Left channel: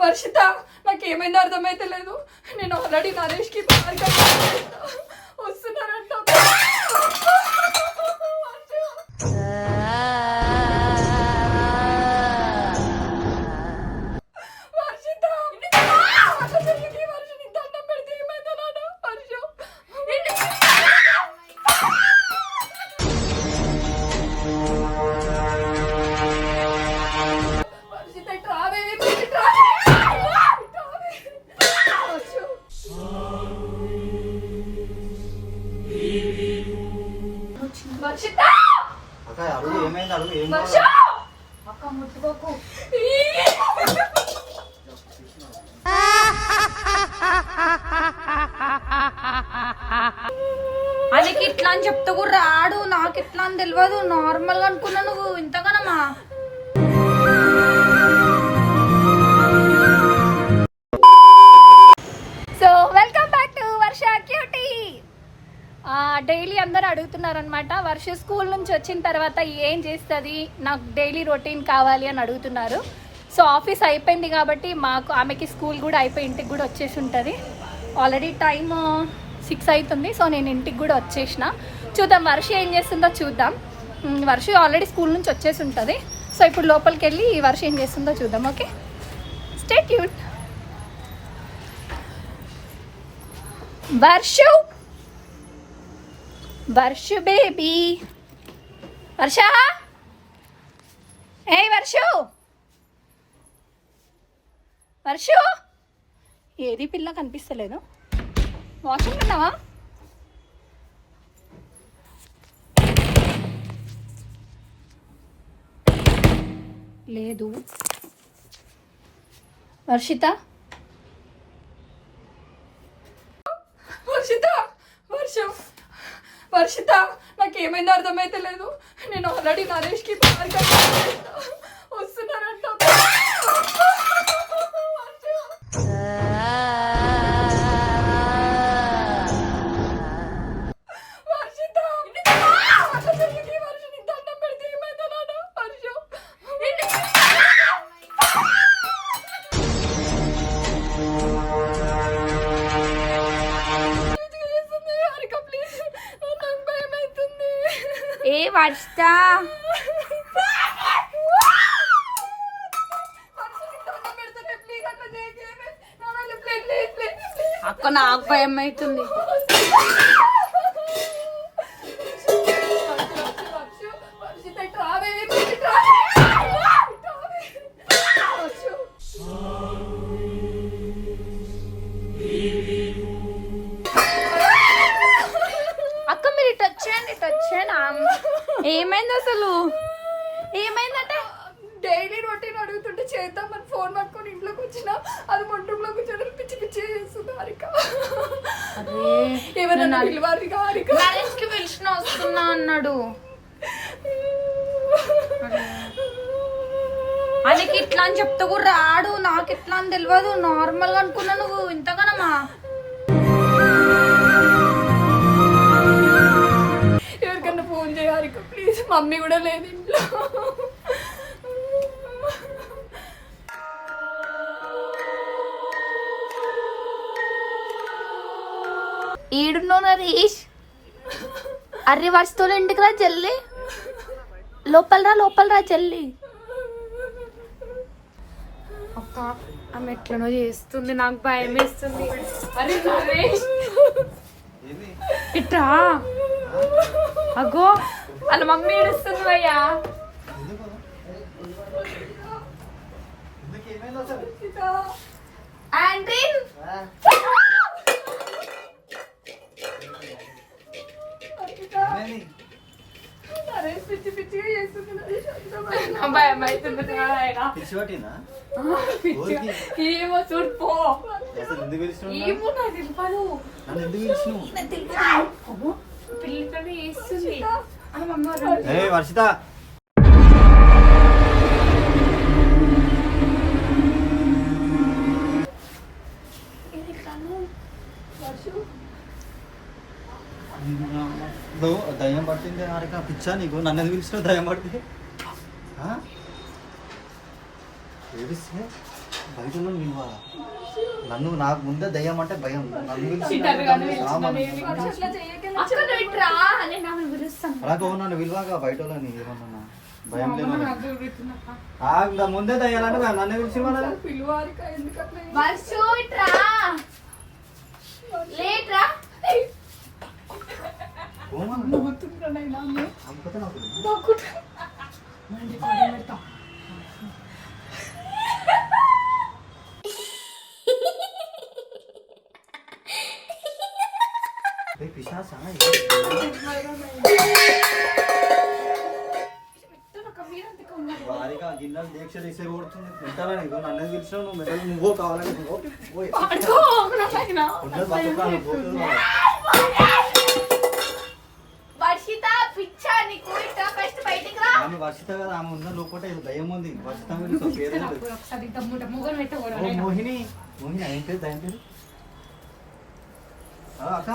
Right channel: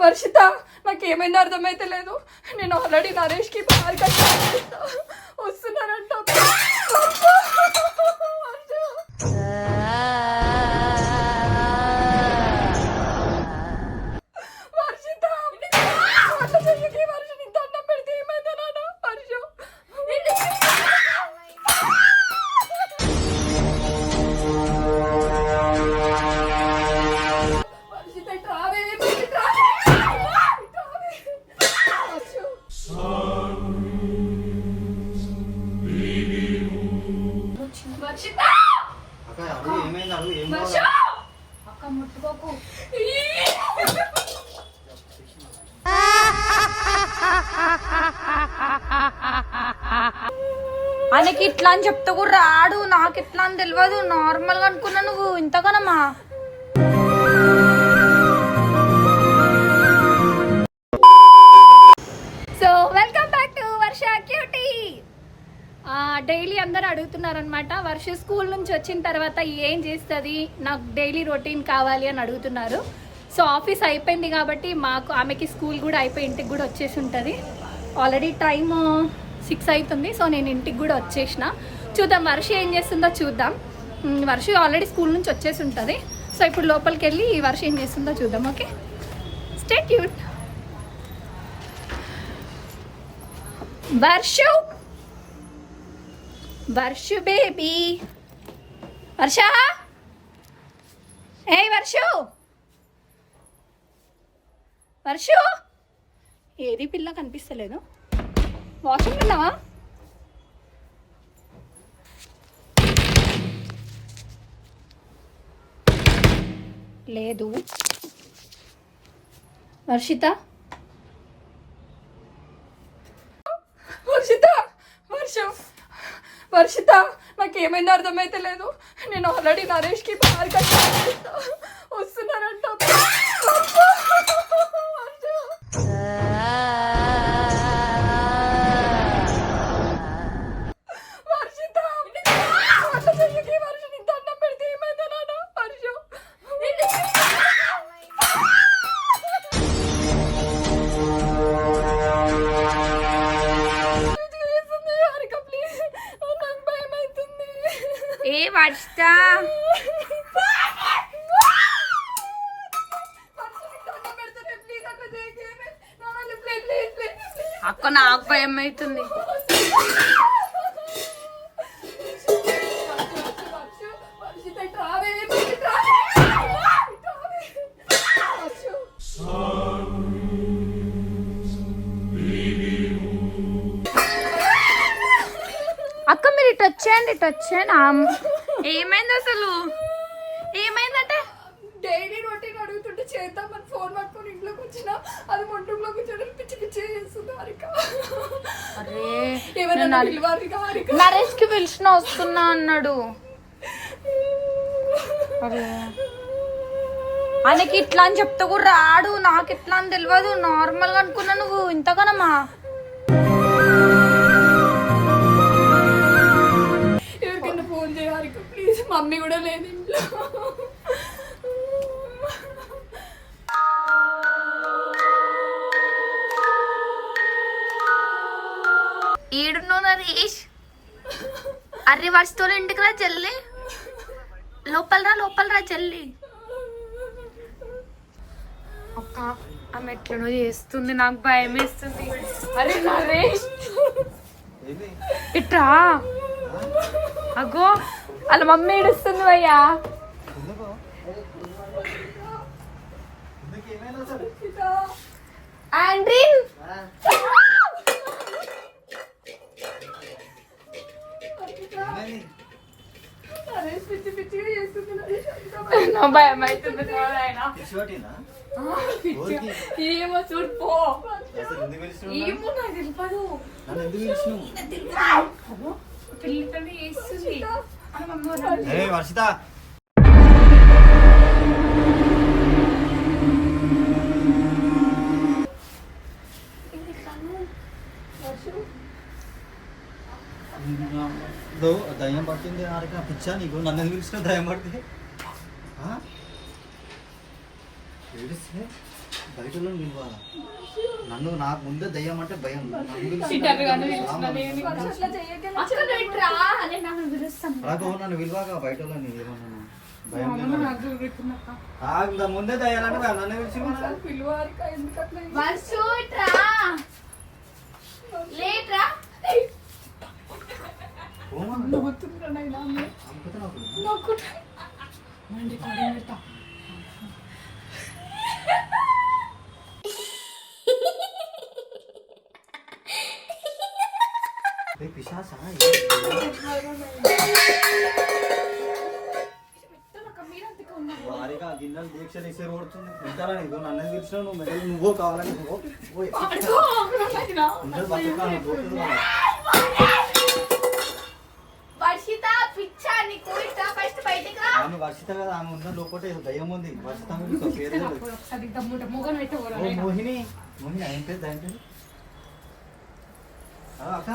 వర్షిత నాకేమైందో అర్థమైతే లేదు. నేను ఆల్రెడీ నరేష్కి పార్క్ వస్తున్నారంట. తెలియదు నార్మల్గా అనుకున్నా నువ్వు. ఇంతగానమ్మా so welcome back to Varsha cutie daily అందరు అడుగుతున్నారనమాట వర్ష స్కూల్ నుంచి వచ్చిన తర్వాత ఏం చేస్తుంది? నాకు డైలీ రొటీన్ కావాలి అని అడుగుతున్నారు. సో ఆఫీస్ అయిపోయింది కాబట్టి మాకు ఆమెకి స్కూల్ కూడా అయిపోయి ఇంటికి కూడా వచ్చేసి ఉంటుంది. ఆల్రెడీ టైం సిక్స్ అవుతుంది సో నేను ఇంటికి కూడా వచ్చేసిన. చూద్దాం వర్ష ఏం చేస్తుందో చూద్దాం. వర్ష ఆల్రెడీ స్కూల్ నుంచి వచ్చేసి ఉంటుంది. సో ఇప్పుడు లోపలికి వెళ్ళి ఈ వర్ష ఏం చేస్తుందో చూద్దాం ఓకే? స్టేట్ యూట్ వర్షు! వర్షు బేబీ వర్ష? ఏ వర్షు! వర్షు! ఏది పిల్ల కనిపిస్తలేదు. వాషింగ్ ఉన్నావా? లేదు. వర్షిత వర్షిత వర్షం వర్షిత నాకేమైందో అర్థమైతే లేదు. నేను ఆల్రెడీ నరేష్కి పార్క్ వస్తున్నారంట. అక్క నాకు భయం అవుతుంది. అక్క మీరు ఇటు వచ్చేయండి ఇటు వచ్చేయండి. ఏమైంది అసలు? ఏమైందంటే డైలీ రొటీన్ అడుగుతుంటే చేద్దామని ఫోన్ పట్టుకొని ఇంట్లోకి వచ్చిన అది మంటంలో కూర్చొని పిచ్చి పిచ్చి చేస్తుంది హారిక నేను పిలవాలి హారిక నరేష్కి పిలిచిన వస్తున్నా అన్నాడు. ఆయనకి ఇట్లా అని చెప్తే కూడా రాడు. నాకు ఇట్లా అని తెలియదు నార్మల్గా అనుకున్నా నువ్వు ఇంతగానమ్మా ఎవరికన్నా ఫోన్ చేయాలి ప్లీజ్. మమ్మీ కూడా లేదు ఇంట్లో అర్రి వస్తువులు ఇంటికి రా జల్లి లోపల రా లోపల రా జల్లి అక్క ఆమె ఎట్లనో చేస్తుంది నాకు భయం వేస్తుంది. అరే నరేష్. ఇట్రా. అగో వాళ్ళ మమ్మీ ఏడుస్తుంది అయ్యా ఎందుకు ఎందుకు ఏమైంది అసలు ఆండ్రీన్ ఆ, ఏమైంది? నరేష్ పిచ్చి పిచ్చిగా చేస్తుంది భయం అవుతుంది. ఏమో చూడు పో? ఏమో నాకు తెలియదు నన్ను ఎందుకు పిలిచినావు? పిల్లతోనే దో దయ్యం పట్టింది హారిక పిచ్చా నీకు? నన్ను ఎందుకు పిలిచినావు దయ్యం పడితే? ఏడిస్తే బయట నన్ను నాకు ముందే దయ్యం అంటే భయం. కానీ నన్ను పిలిచిన విలువగా బయట ఏమన్నా? భయం లేదు? ఆ, ఇంకా ముందే దయ్యాలంటే నన్ను పిలిచి వారిగా గిన్నెలు దీక్ష తీసే కొడుతుంది తింటారని ఇదిగో నన్ను పిలిచినావు నువ్వు మెడలు నువ్వో కావాలని నువ్వో వర్షిత కదా ఆమె ఉందని లోపల ఏదో దయ్యం ఉంది. వర్షిత మోహిని మోహిని ఏం పేరు దయ్యం పేరు? అక్క.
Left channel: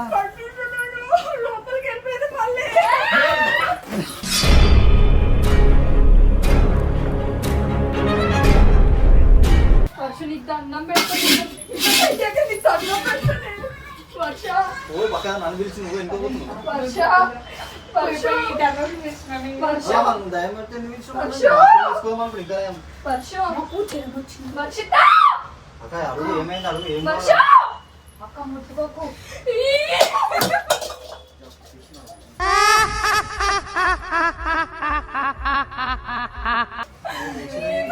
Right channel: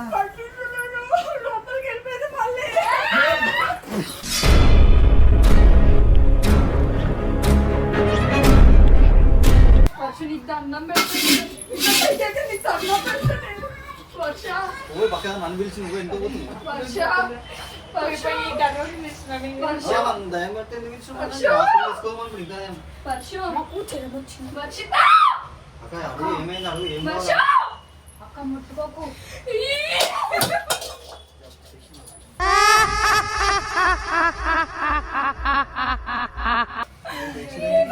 ఓ పక్కన నన్ను పిలిచి నువ్వు ఎందుకు పోతున్నావు వర్ష వర్ష వర్ష అలా మనం దయ్యం పడితే ఎందుకు పిలిచినావు? వర్ష. హాస్పిటల్ తీసుకోమన్నప్పుడు ఇంకా ఏం? వర్ష వర్షిత అక్క అడుగు ఏమైంది అడుగు ఏం వర్ష కావాలి? అక్క ముట్టుకోకు ఏం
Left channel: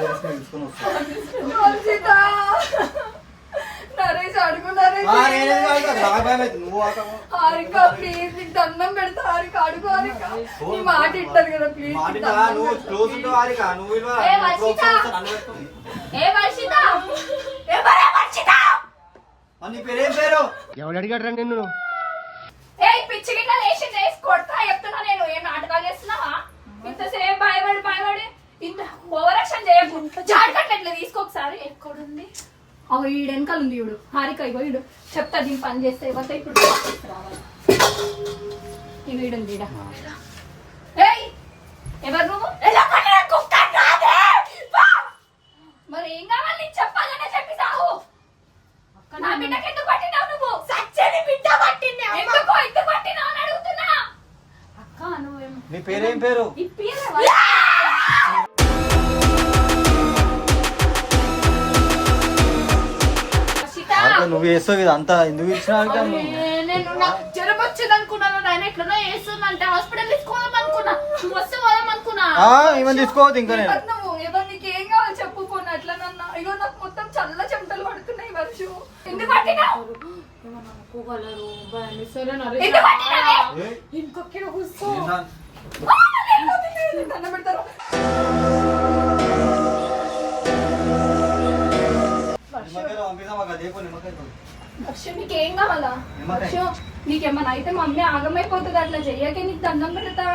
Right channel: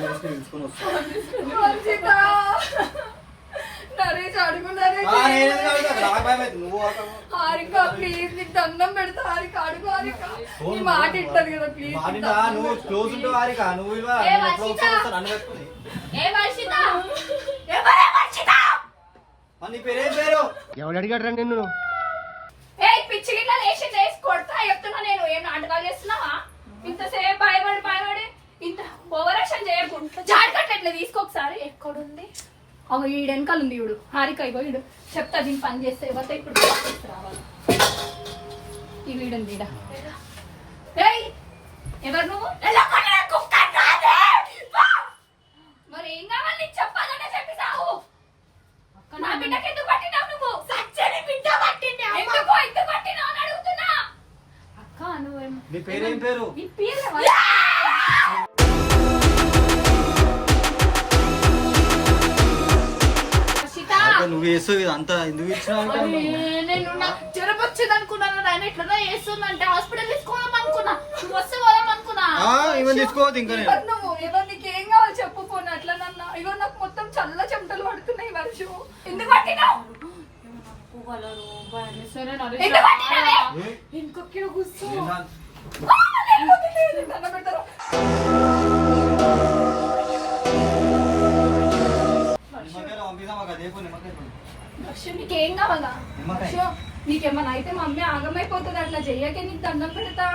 చేసుకొని పిలుచుకొని వస్తావు? నరేష్ అడుగు ఆ, నేనేం కాదు, నాకు బాగా భయం అవుతుంది. నువ్వు ఆటము. హారిక ప్లీజ్ నీకు దండం పెడతా హారిక అడుగు హారిక నీ మాట ఇంటది కదా ప్లీజ్ మాటినా, నువ్వు క్లోజ్ ఉంటావు వారిక, నువ్వు ఇవ్వ, ఏ, నువ్వు వర్షిత. క్లోజ్ చేస్తే నన్ను పెట్టుకుంది. ఏ వర్షిత ఎవరా వర్షిత? మరి నీ పేరేం పేరు? ఎవడు అడిగాడు నిన్ను? ఏ పిచ్చి కింద లేచి చేసి కొడతా చెప్తున్నా నేను. ఏం నాటకాలు చేస్తున్నావా? ఇంతసేపు భయపడి భయపడి ఇంత ఓవరాక్షన్ చేయకు. జాడకట్ట ఇట్లా తీసుకో ఒకసారి. ఎక్కడుంది? అవి ఈడు వెనకాల ఉంది ఈడు హారిక ఇగో ఈడు చెప్తా దీని పని చేస్తే ఎవరితో ఇప్పుడు వీడ ఏయ్ ఎవరు నువ్వు? చేస్తావు ఇది అంతా ఎందుకు ఇచ్చినా ఏమని తీసుకోవద్దు ఇంకా చెప్పు పోనీ అట్లనన్నా. ఇగో నాకు మొత్తం చల్ల చెమటలు పడుతున్నాయి వర్షం ఎందుకు పట్టినావు? ఇంకొక్కడ కూర్చో. దండం మాకు అదే నిమ్మకాయలు వర్షం నీకేం కావాలా? నిమ్మకాయ. వర్షం నీకేమన్నా అయితే మా అమ్మ ఆగమైపోతుంది అట్లా చెయ్యకే నీకు దండం పెడతా.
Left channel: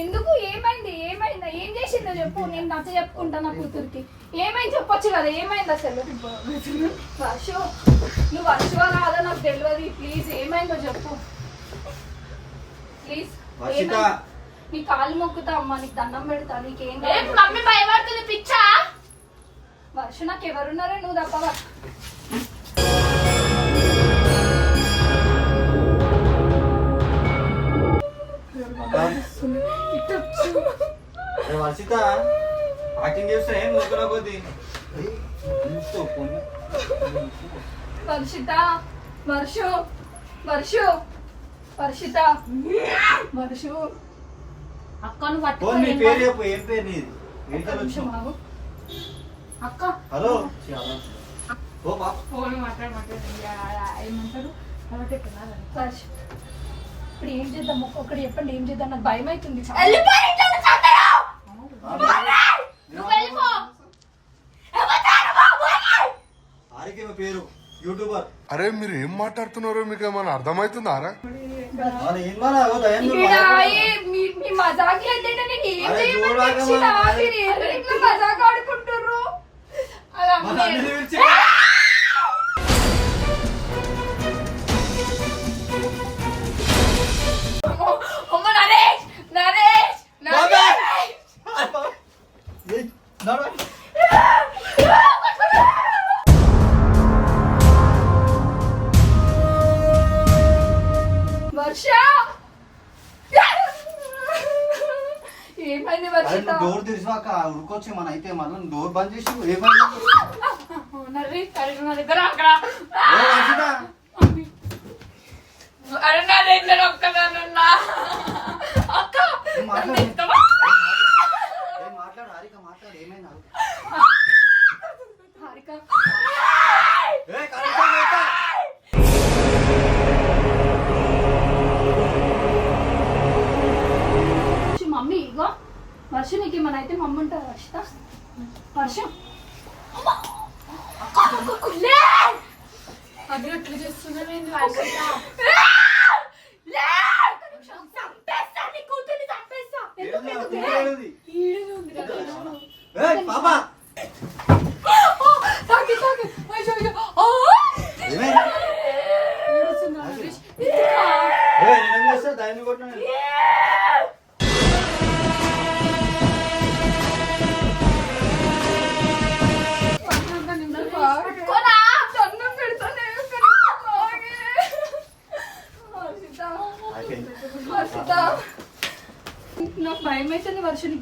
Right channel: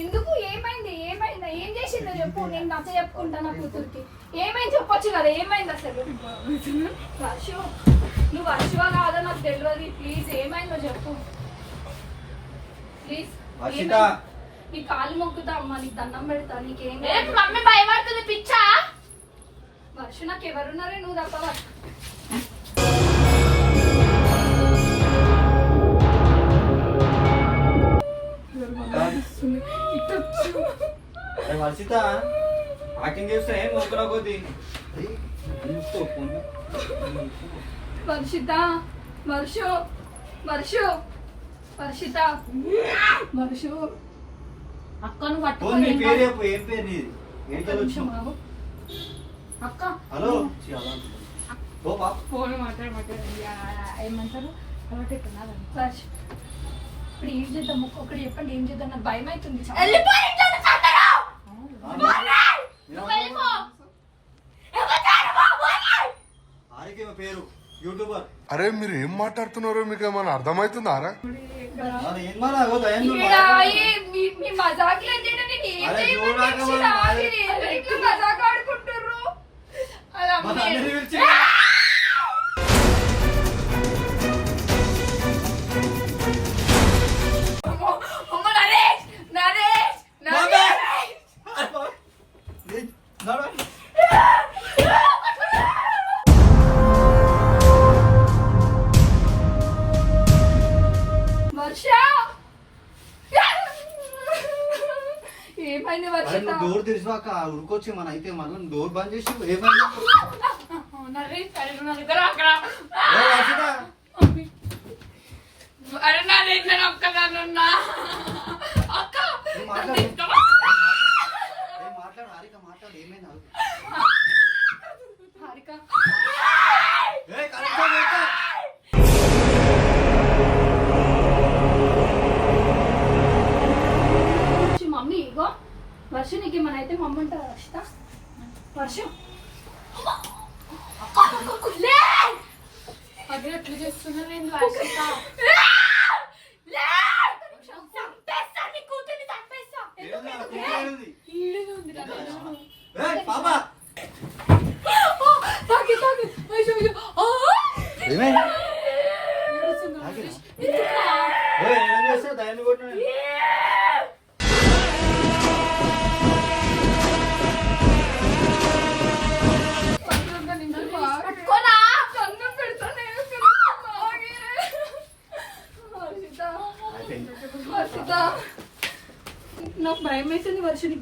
ఎందుకు ఏమైంది? ఏమైందా? ఏం చేసిందో చెప్పు. నేను నచ్చ చెప్పుకుంటా నా కూతురికి. ఏమైంది? చెప్పొచ్చు కదా. ఏమైంది అసలు? వర్షం నువ్వు వర్షవా కాదా? నాకు తెలియదు ప్లీజ్ ఏమైందో చెప్పు. ప్లీజ్. నీ కాలు మొక్కుతా అమ్మా. నీకు దండం పెడతా. నీకేం ఏ? కావాలి? మమ్మీ భయపడుతుంది పిచ్చా? వర్ష నాకు ఎవరున్నారే? నువ్వు తప్ప వర్షిత యాక్టింగ్ చేస్తే ఏం ఊరుకున్నా కొద్ది వర్షిత వర్షు వర్షు వర్షిత వర్షు. అక్క నువ్వు ఫోన్ నీ పట్టుకో పేరు ఏం పేరు నీది? ఆగు. అక్క హలో. ఫోన్ ఏమంటారు? ఇప్పుడు ఏం చేద్దాం? ఒక్కొక్కటి చెప్పండి ఏం చేద్దాం? నాకు భయం అవుతుంది. పేరు యూట్యూబర్. అరే మీరు ఏం మాట్లాడుతున్నారో మీకు ఏమైనా మీ- మీ మజాక్ ఏమైంది వచ్చిందా డోర్ తెరిచినాక ఉరికొచ్చి మన అయితే మనం డోర్ బంద్ చేసి ఏమైంది అరే నా దగ్గర ఒక్కదానున్నా అక్క మాట్లాడు? హారిక మాట్లాడు ఏమైంది హారిక. మమ్మీ ఇగో. వర్ష నీకు ఏమైనా అయితే మమ్మీ ఉంటుంది వర్షిత వర్షం.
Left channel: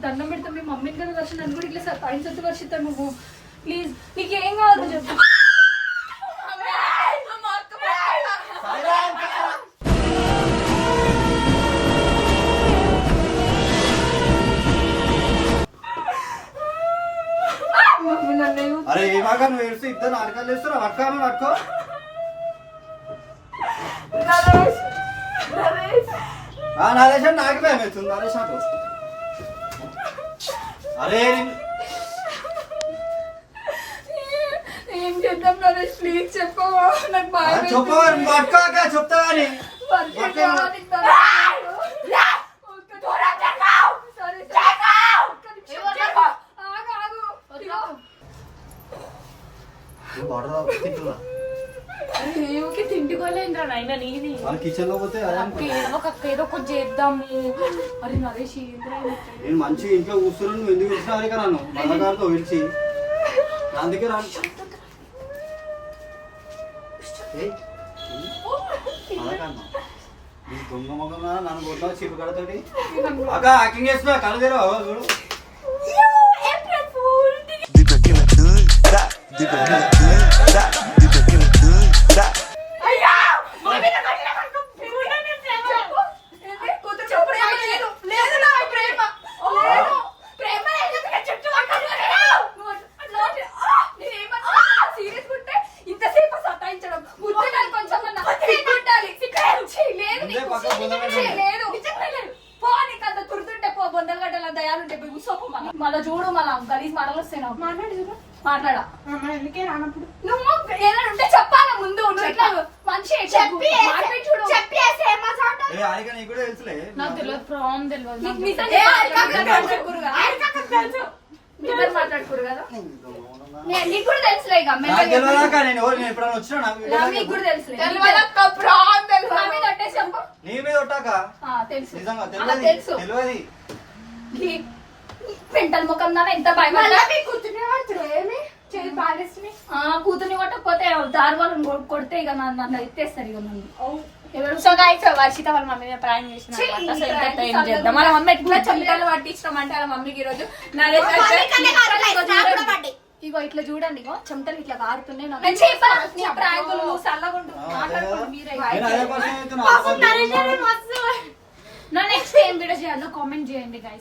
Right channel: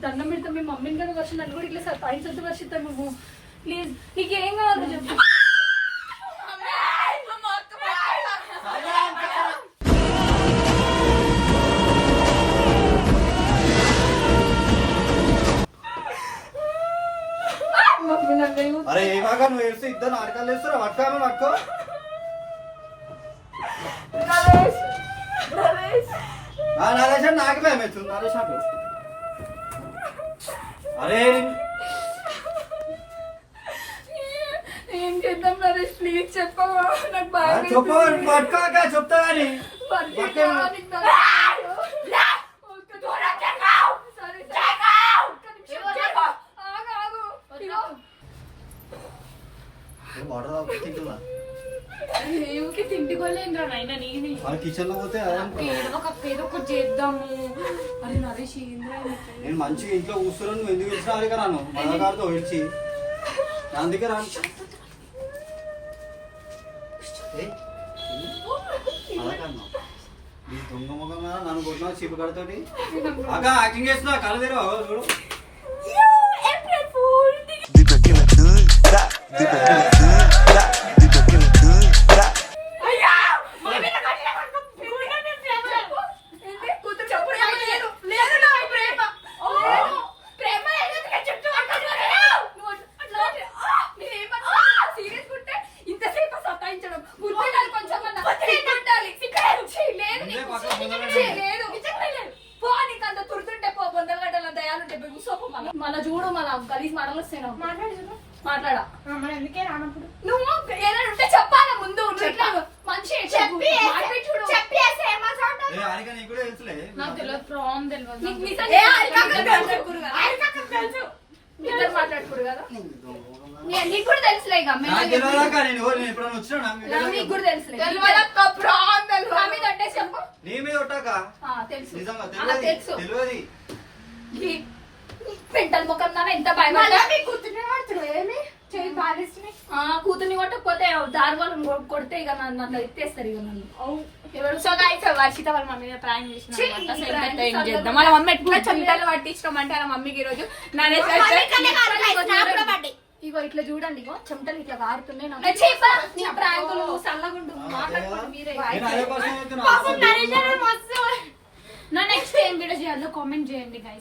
దండం పెడతా మీ మమ్మీని కదా వర్ష నన్ను కూడా ఇట్లా సతాయించద్దు వర్షిత నువ్వు ప్లీజ్ నీకు కావాలి చెప్పు. అరే ఏమాగా నువ్వు ఏడిస్తే ఇద్దరు నాటకాలు వేస్తారా? పట్టుకోమని పట్టుకో. నరేష్ నాకు భయం అవుతుంది నరేష్ నాకు. అరే ఏం చేద్దాం నరేష్ ప్లీజ్ చెప్పవా? నాకు ఆ, భయం చెప్పు వేస్తుంది. పట్టుకోక చెప్తా మన కిచెన్లో పోతే అదే అనుకో. ఏదో ఒక ఏదో ఒకటి చేద్దాము. అరే నరేష్ ఏంద్రా? నేను మంచి ఇంట్లో కూర్చున్నాను నువ్వు ఎందుకు వచ్చినా అదే నన్ను మల్లగారితో పిలిచి నా ఏయ్, కాదు. నీ దొంగ మొగం కదా నన్ను కొట్టిన చీపు కడతోటి అక్క యాక్టింగ్ చేస్తున్నా కళ్ళు తెరవా? చూడు. That, నా మీద ఒట్టాక? తెలుసు. తెలియదు పెంటల ముఖం ఎంత ఆ, కూతుర్ని కొట్టకపోతే దారి వాళ్ళని కొ- కొడితే ఇక నన్ను నన్ను ఎత్తేస్తారు ఇక నన్ను. సో వర్షిత వాళ్ళ మమ్మీ మీద చేసిన చేద్దాం? ఎట్లా పట్టించడం వాళ్ళ మమ్మీకి ఈ రోజు నరేష్ ఇగో ఇట్లా చూడండి ఇగో చెమటలు ఇట్లా కారుతున్నాయి. నా నెక్స్ట్ ఏం వీడియో చేయాలో కామెంట్ చేయండి గైస్